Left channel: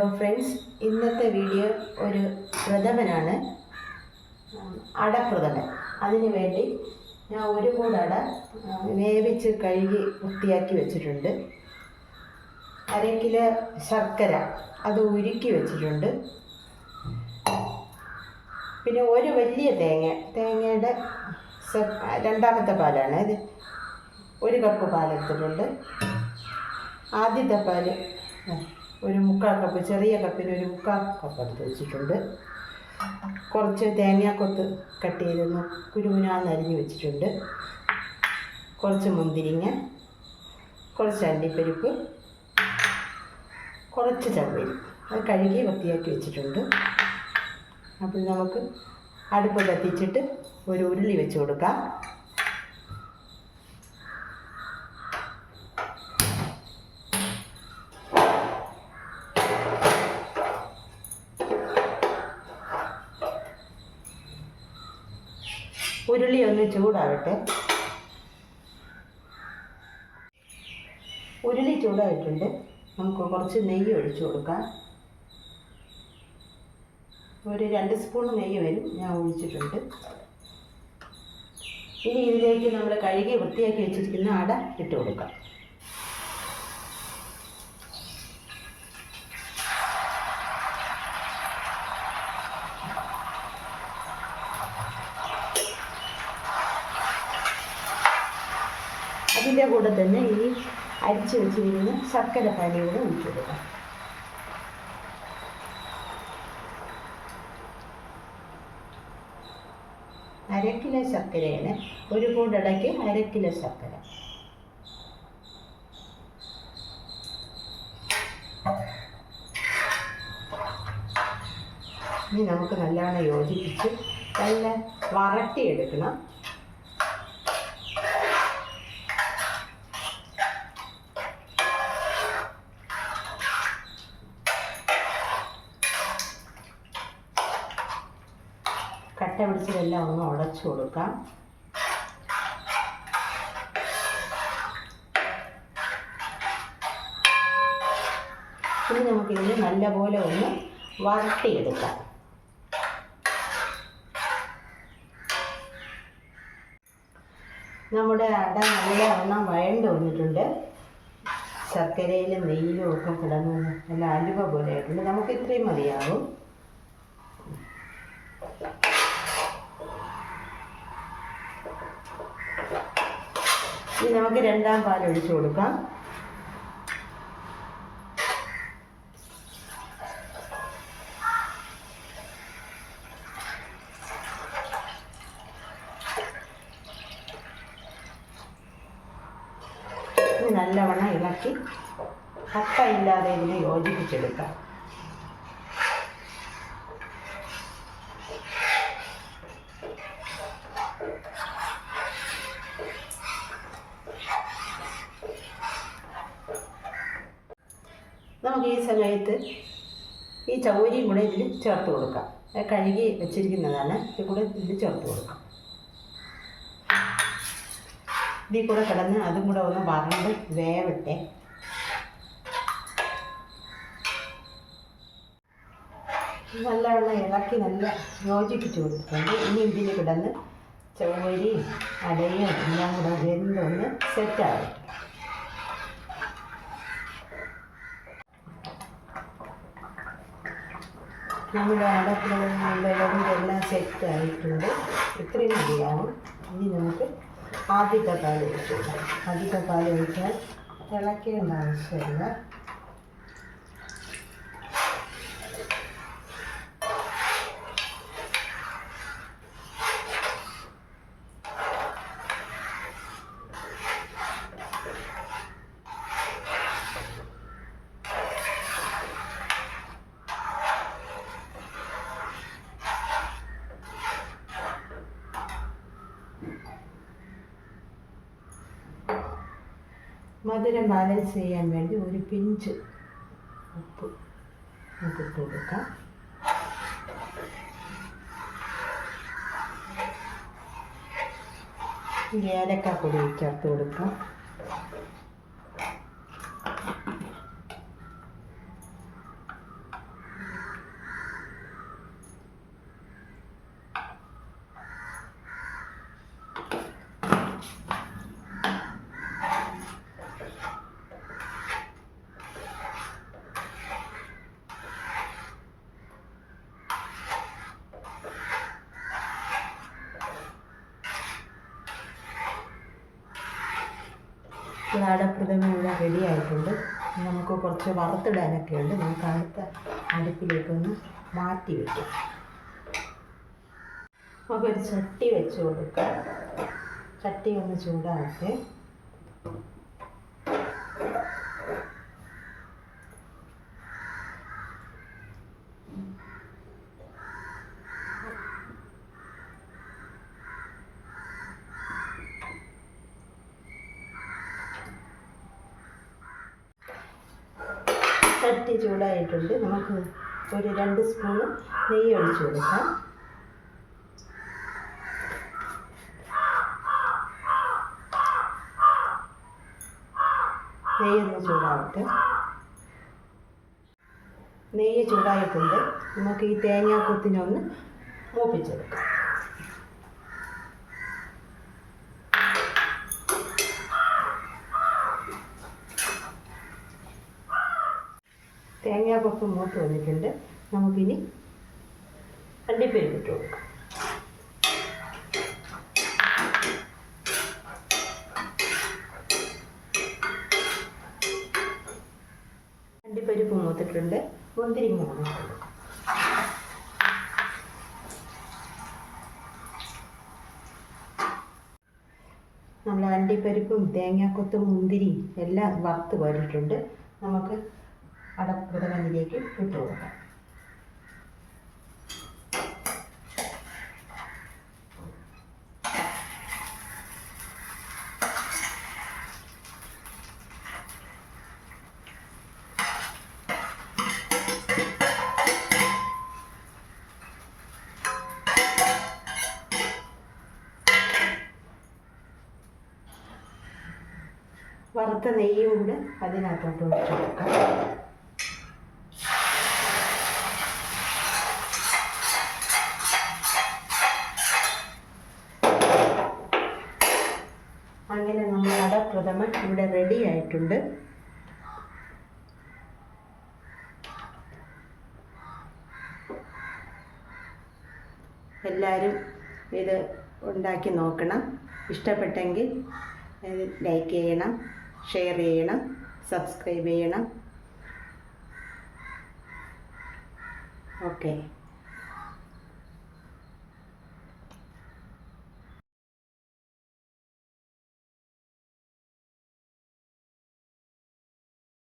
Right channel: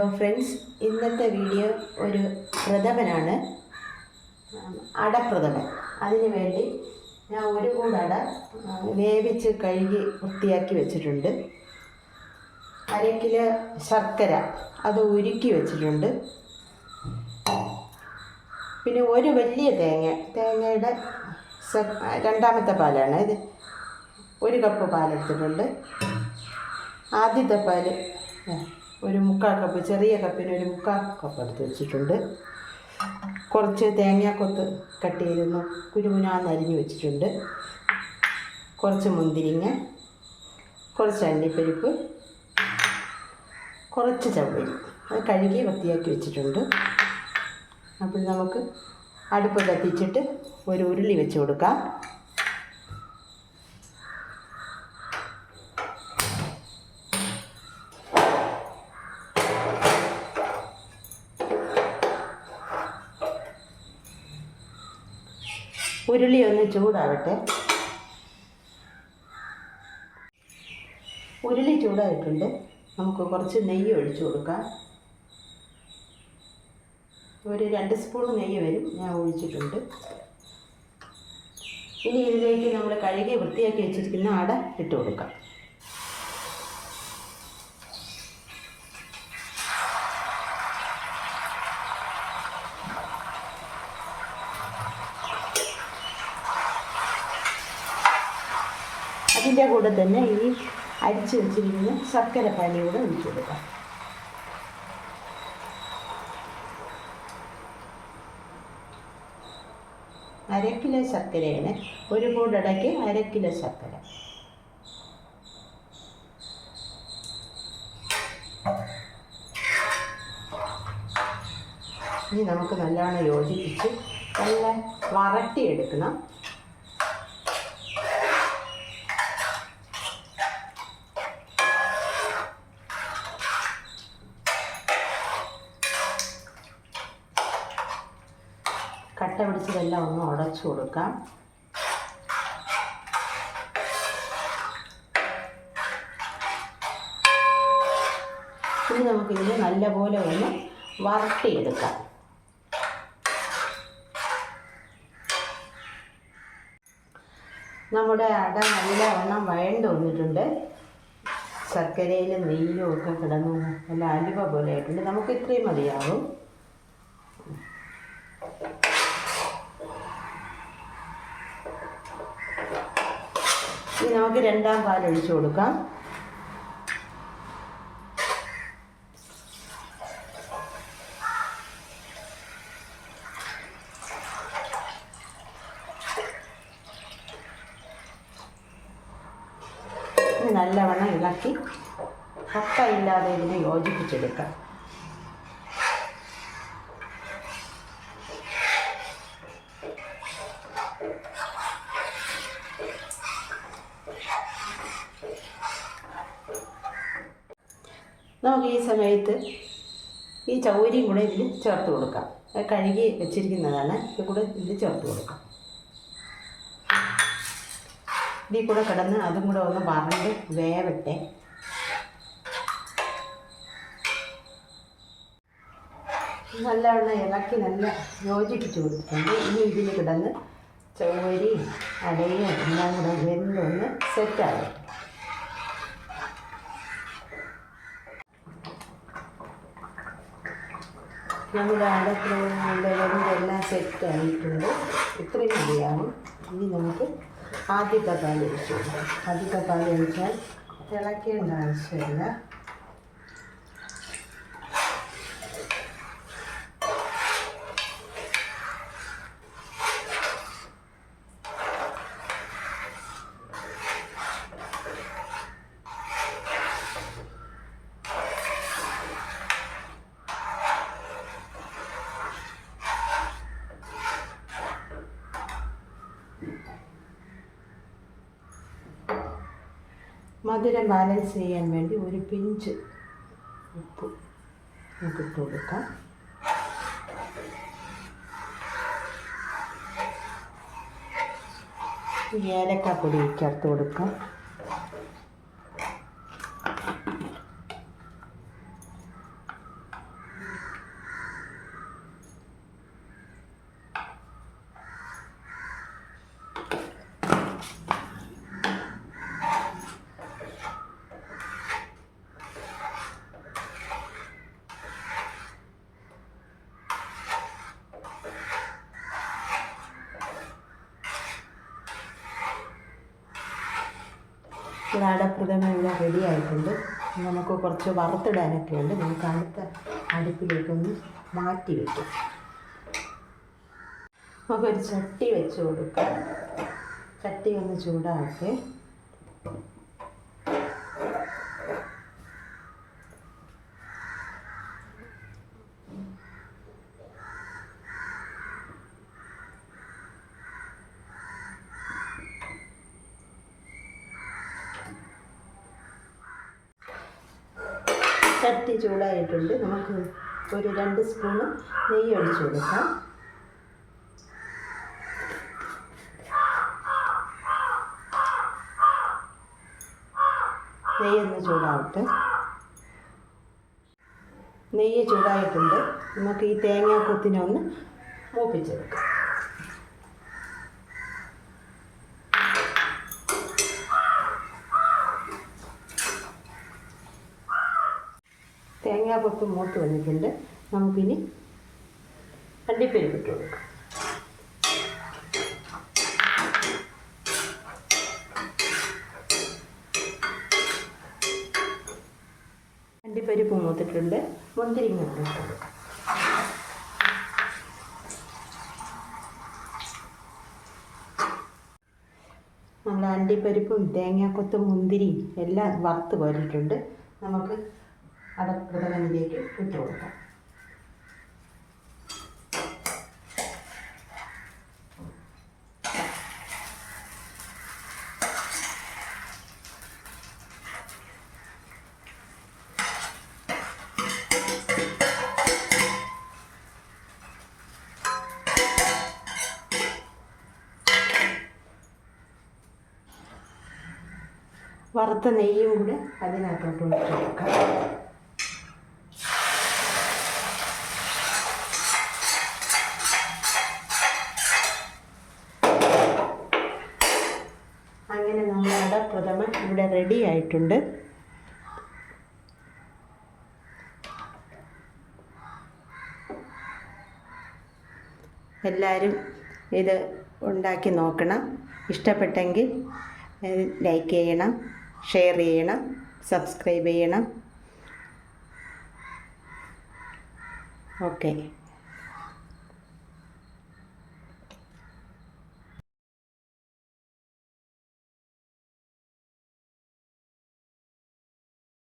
Hello friends ഇന്നത്തെ video ഒരു പ്രഥമനാണ്. അടപ്രഥമൻ. അതിനു വേണ്ടി ഞാൻ ഒരു കൂട് അട ആ, വേവിച്ച് കഴുകി വൃത്തിയാക്കി വെച്ചിട്ടുണ്ട്. അര കിലോ ശർക്കര അത് ഉരുക്കി വെച്ചിട്ടുണ്ട്. പിന്നെ ഒരു വലിയ തേങ്ങ തേങ്ങയുടെ രണ്ടാമത്തെ പാലാണ്. ഇത് ഒരു കപ്പ് പാലെടുത്തിട്ടുണ്ട്. ആദ്യത്തെ പാൽ ഒരു മുക്കാൽ കപ്പ് ചെറിയ കപ്പിന് ഒരു മുക്കാൽ കപ്പ് എടുത്ത് വെച്ചിട്ടുണ്ട്. കുറച്ച് തേങ്ങാക്കൊത്ത് കട്ട് ചെയ്തൊന്ന് കുരുമുനാന്ന് അരിഞ്ഞ് വെച്ചിട്ടുണ്ട്. കുറച്ച് മുന്തിരിങ്ങ കുറച്ച് അണ്ടിപ്പരിപ്പ് കുറച്ച് ചവ്വരി അത് കഴുകി വൃത്തിയാക്കി വെച്ചിട്ടുണ്ട്. അപ്പോൾ നമുക്ക് അടുപ്പ് കത്തിച്ചിട്ട് ഒരു ഉരുളി വെച്ച് കൊടുക്കാം. ചൂടാവട്ടെ. ഉരുളി ചൂടായിട്ടുണ്ട്. നമുക്ക് കുറച്ച് നെയ്യ് ഒഴിച്ചു കൊടുക്കാം. ഒരു രണ്ട് സ്പൂൺ നെയ്യ് വരും. ഞാൻ ഒഴിച്ചിട്ടുണ്ട്. ഇനി ഇതിലേക്ക് നമ്മൾ കഴുകി വൃത്തിയാക്കി വെച്ചിരിക്കുന്ന അട ഇട്ട് കൊടുക്കാം. അതിന്റെ കൂടെ തന്നെ ഈ അരിച്ചു വെച്ചിരിക്കുന്ന ശർക്കര പാനി കൂടെ ഒഴിച്ചു കൊടുക്കാം. അര കിലോ ശർക്കരയാണ് ഒരു കൂടടയ്ക്ക് അര ശർക്കര. ഇനി നമുക്ക് നല്ലവണ്ണം യോജിപ്പിച്ച് നല്ല വരട്ടിയെടുക്കണം കട്ട പിടിച്ചതെല്ലാം ഒന്ന് ഉടച്ചു കൊടുക്കാം. ഇനി നമുക്കിതിന് നല്ലപോലെ ഒന്ന് വരട്ടിയെടുക്കാം. നമ്മുടെ അട നല്ല എണ്ണം വഴണ്ട് വന്നിട്ടുണ്ട്. ശർക്കരയിലും നെയ്യിലും ഒക്കെ കിടന്ന് നല്ല അലുവ പോലെ ആയിട്ടുണ്ട്. നമുക്ക് ഇത്രയും മതിയാവും. ഇനി നമുക്ക് രണ്ടാം പാൽ ഒഴിച്ചു കൊടുക്കാം. നല്ലവണ്ണം ഇളക്കി കപ്പ ഇല്ലാതെ ഇതിനെ യോജിപ്പിച്ചെടുക്കാം നമുക്ക് ഈ സമയത്ത് ഈ ചൗരിയും കൂടെ ഇതിൽ ചേർത്ത് കൊടുക്കാം. കഴുകി വെച്ചിരിക്കുന്നതാണ്. ഇത് കൂടെ ഇതിൽ ചേർത്ത് കൊടുക്കാം. ഇതിൽ കൂടെ കിടന്ന് അതും കൂടെ ഒന്ന് വറണ്ട് വേവട്ടെ. നല്ലവണ്ണം ഇളക്കി നല്ല യോജിപ്പിച്ച് കൊടുത്തിട്ടുണ്ട്. ഇനി ഇതിൽ കിടന്ന് ചൗവരി അടയും എല്ലാം കൂടെ വെന്തൊന്ന് സെറ്റാകട്ടെ നമ്മുടെ അടക്കളകളുടെ എല്ലാം സെറ്റ് ആയിട്ടുണ്ട് ഇത്രയും മതിയാവും ഇനി നമുക്ക് ആദ്യത്തെ പാൽ ഒഴിച്ചു കൊടുക്കാം ആദ്യത്തെ പാൽ ഒഴിച്ചാൽ തിളക്കേണ്ട ആവശ്യമില്ല മധുരം ബാലൻസ് ചെയ്യാൻ വേണ്ടി ഒരു പിഞ്ച് ഉപ്പ് നമുക്ക് കൊടുക്കാം. ഏലക്കാപ്പൊടി ചേർത്ത് കൊടുക്കാം. ഈ അടപ്രഥമ ഇവിടെ റെഡി ആയിട്ടുണ്ട് നമുക്ക് കുറച്ച് വറുത്തിടാനൊക്കെ ഉണ്ട്. നമുക്ക് അടുത്ത അടുപ്പിലേക്കൊന്ന് മാറ്റി വയ്ക്കാം നമുക്കൊരു ചട്ടി വെച്ച് കൊടുക്കാം. ചട്ടി ഒന്ന് ചൂടാക്കി. ചട്ടി ചൂടായിട്ടുണ്ട്. നമുക്ക് ഒരു രണ്ട് സ്പൂണ് നെയ്യ് ഒഴിച്ച് കൊടുക്കാം. നെയ്യ് ഒന്ന് ചൂടാവട്ടെ. നെയ്യ് ചൂടായിട്ടുണ്ട്. നമുക്ക് ഈ തേങ്ങാക്കൊത്തിനെ ഒന്ന് മൂപ്പിച്ചെടുക്കാം. തേങ്ങാക്കൊത്ത് മൂത്ത് വന്നിട്ടുണ്ട്. നമുക്കിനി അണ്ടിപ്പരിപ്പ് ഇട്ട് കൊടുക്കാം. അണ്ടിപ്പരിപ്പ് മൂത്തിട്ടുണ്ട് മുന്തിരിങ്ങ നമ്മൾ അണ്ടിപ്പരിപ്പും തേങ്ങാക്കൊത്തും മുന്തിരിയും എല്ലാം വറുത്ത് പോരിട്ടുണ്ട് നമുക്ക് അടപ്രഥമനിലേക്ക് ഇട്ട് കൊടുക്കാം വറുത്ത നെയ്യും കൂടെ അതിനകത്തോട്ട് ഒഴിച്ച് കൊടുക്കാം അങ്ങനെ നമ്മുടെ പ്രഥമൻ ഇവിടെ റെഡി എല്ലാവരും ഇത് ഉണ്ടാക്കി നോക്കണം. ഇഷ്ടപ്പെട്ടെങ്കിൽ ലൈക്ക് ചെയ്യണം ഷെയർ ചെയ്യണം സബ്സ്ക്രൈബ് ചെയ്യണം. ഓക്കെ.